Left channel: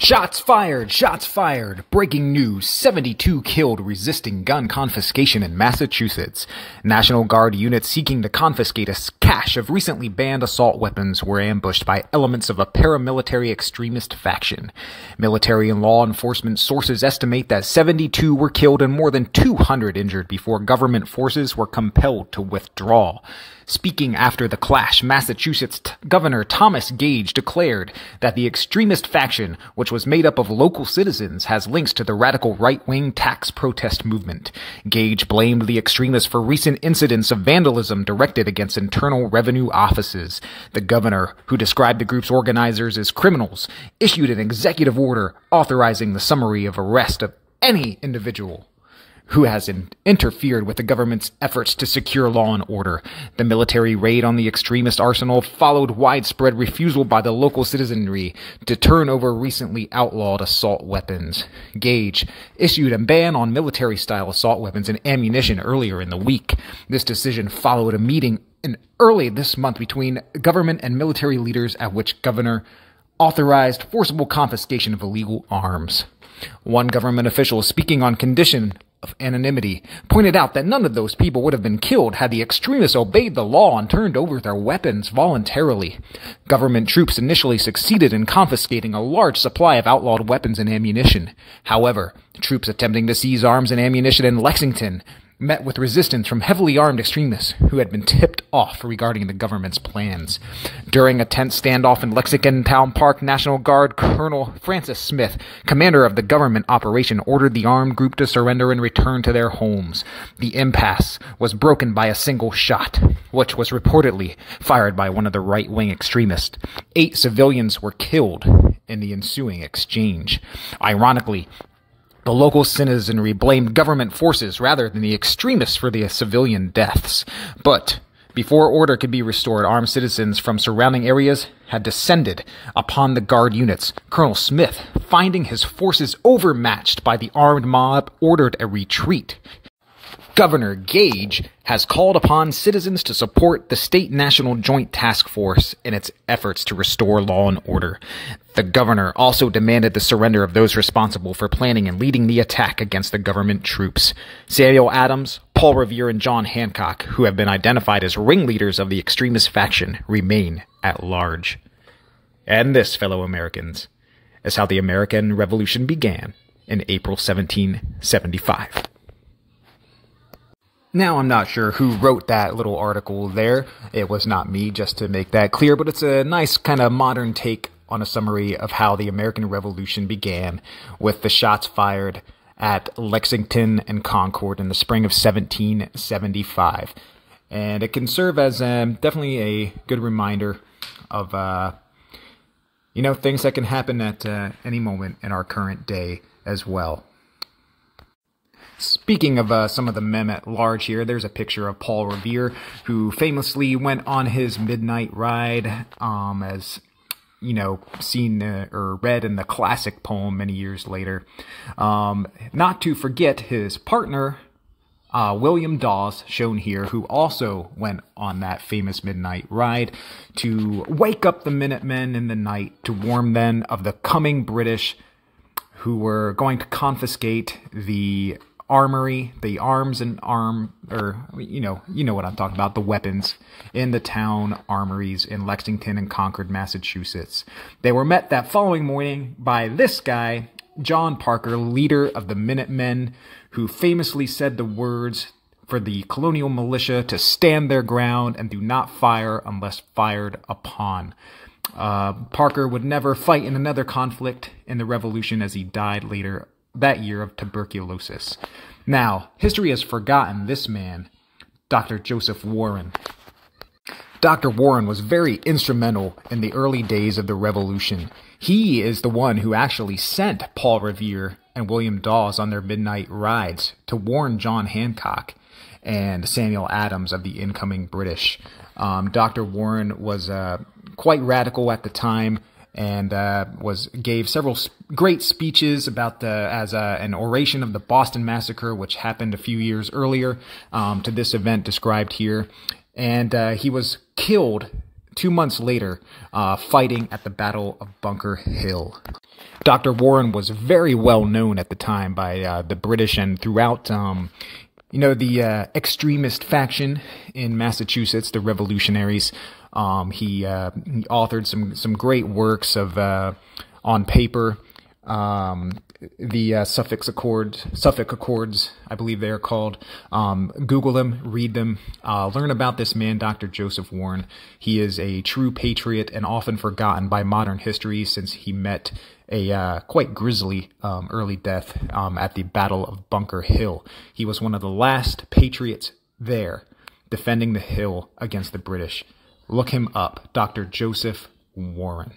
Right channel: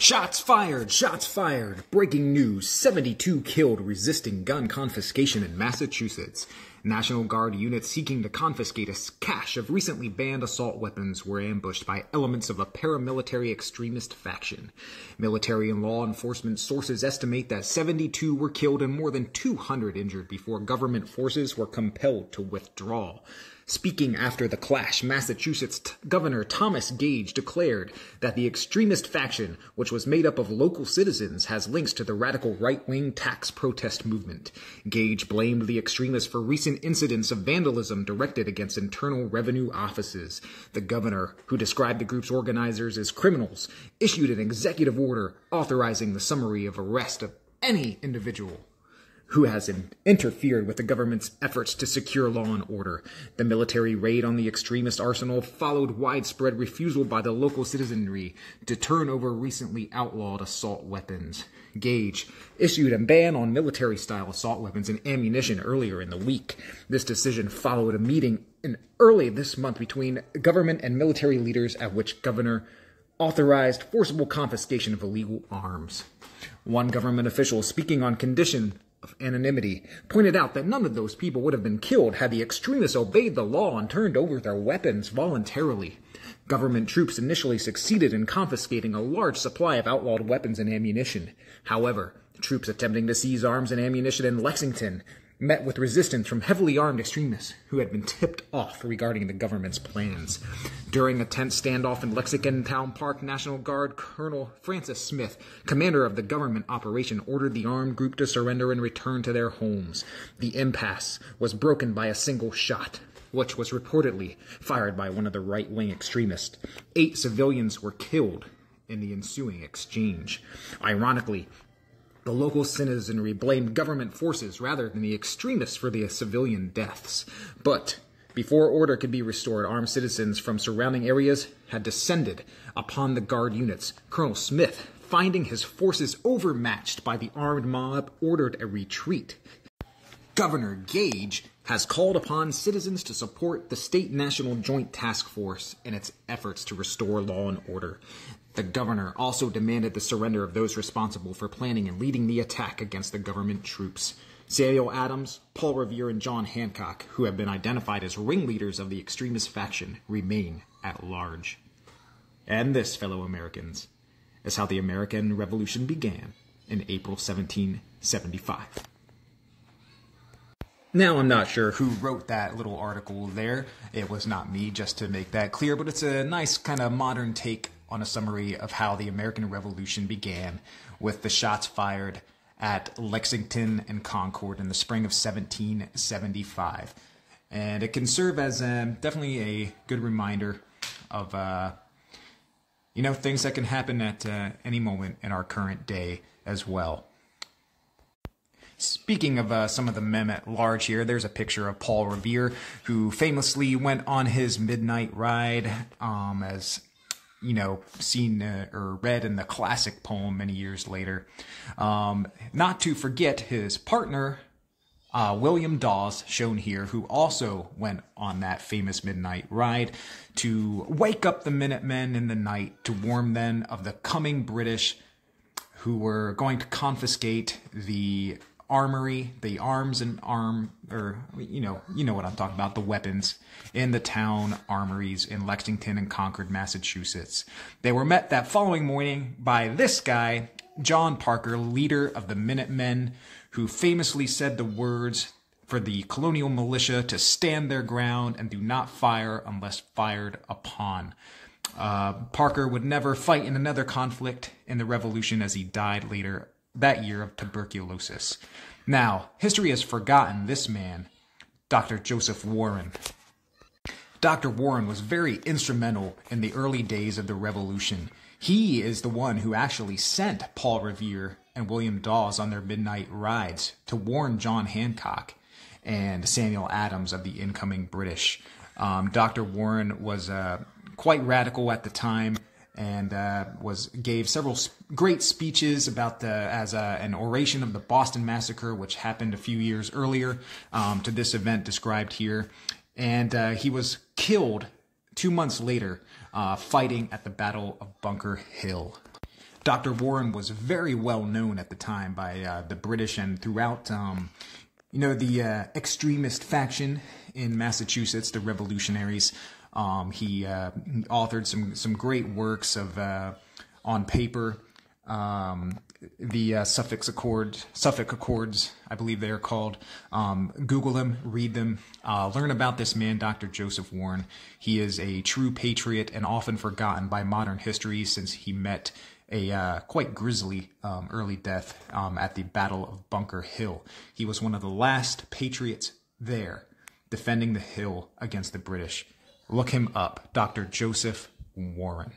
Shots fired! Shots fired! Breaking news, 72 killed resisting gun confiscation in Massachusetts. National Guard units seeking to confiscate a cache of recently banned assault weapons were ambushed by elements of a paramilitary extremist faction. Military and law enforcement sources estimate that 72 were killed and more than 200 injured before government forces were compelled to withdraw. Speaking after the clash, Massachusetts Governor Thomas Gage declared that the extremist faction, which was made up of local citizens, has links to the radical right-wing tax protest movement. Gage blamed the extremists for recent incidents of vandalism directed against Internal Revenue offices. The governor, who described the group's organizers as criminals, issued an executive order authorizing the summary of arrest of any individual who has interfered with the government's efforts to secure law and order. The military raid on the extremist arsenal followed widespread refusal by the local citizenry to turn over recently outlawed assault weapons. Gage issued a ban on military-style assault weapons and ammunition earlier in the week. This decision followed a meeting early this month between government and military leaders at which governor authorized forcible confiscation of illegal arms. One government official, speaking on condition of anonymity, pointed out that none of those people would have been killed had the extremists obeyed the law and turned over their weapons voluntarily. Government troops initially succeeded in confiscating a large supply of outlawed weapons and ammunition. However, troops attempting to seize arms and ammunition in Lexington met with resistance from heavily armed extremists who had been tipped off regarding the government's plans. During a tense standoff in Lexington Town Park, National Guard Colonel Francis Smith, commander of the government operation, ordered the armed group to surrender and return to their homes. The impasse was broken by a single shot, which was reportedly fired by one of the right-wing extremists. 8 civilians were killed in the ensuing exchange. Ironically, the local citizenry blamed government forces rather than the extremists for the civilian deaths. But before order could be restored, armed citizens from surrounding areas had descended upon the guard units. Colonel Smith, finding his forces overmatched by the armed mob, ordered a retreat. Governor Gage has called upon citizens to support the State National Joint Task Force in its efforts to restore law and order. The governor also demanded the surrender of those responsible for planning and leading the attack against the government troops. Samuel Adams, Paul Revere, and John Hancock, who have been identified as ringleaders of the extremist faction, remain at large. And this, fellow Americans, is how the American Revolution began in April 1775. Now, I'm not sure who wrote that little article there. It was not me, just to make that clear, but it's a nice kind of modern take on a summary of how the American Revolution began, with the shots fired at Lexington and Concord in the spring of 1775. And it can serve as definitely a good reminder of, things that can happen at any moment in our current day as well. Speaking of some of the men at large here, there's a picture of Paul Revere, who famously went on his midnight ride, as, seen or read in the classic poem many years later. Not to forget his partner, William Dawes, shown here, who also went on that famous midnight ride to wake up the Minutemen in the night, to warn them of the coming British, who were going to confiscate the armory, the arms and you know what I'm talking about, the weapons in the town armories in Lexington and Concord, Massachusetts. They were met that following morning by this guy, John Parker, leader of the Minutemen, who famously said the words for the colonial militia to stand their ground and do not fire unless fired upon. Parker would never fight in another conflict in the Revolution, as he died later that year of tuberculosis. Now, history has forgotten this man, Dr. Joseph Warren. Dr. Warren was very instrumental in the early days of the Revolution. He is the one who actually sent Paul Revere and William Dawes on their midnight rides to warn John Hancock and Samuel Adams of the incoming British. Dr. Warren was quite radical at the time, and gave several great speeches about as an oration of the Boston Massacre, which happened a few years earlier to this event described here. And he was killed 2 months later, fighting at the Battle of Bunker Hill. Dr. Warren was very well known at the time by the British and throughout, the extremist faction in Massachusetts, the Revolutionaries. He authored some great works of on paper. The Suffolk Accords, I believe they are called. Google them, read them, learn about this man, Dr. Joseph Warren. He is a true patriot and often forgotten by modern history since he met a quite grisly early death at the Battle of Bunker Hill. He was one of the last patriots there, defending the hill against the British. Look him up, Dr. Joseph Warren.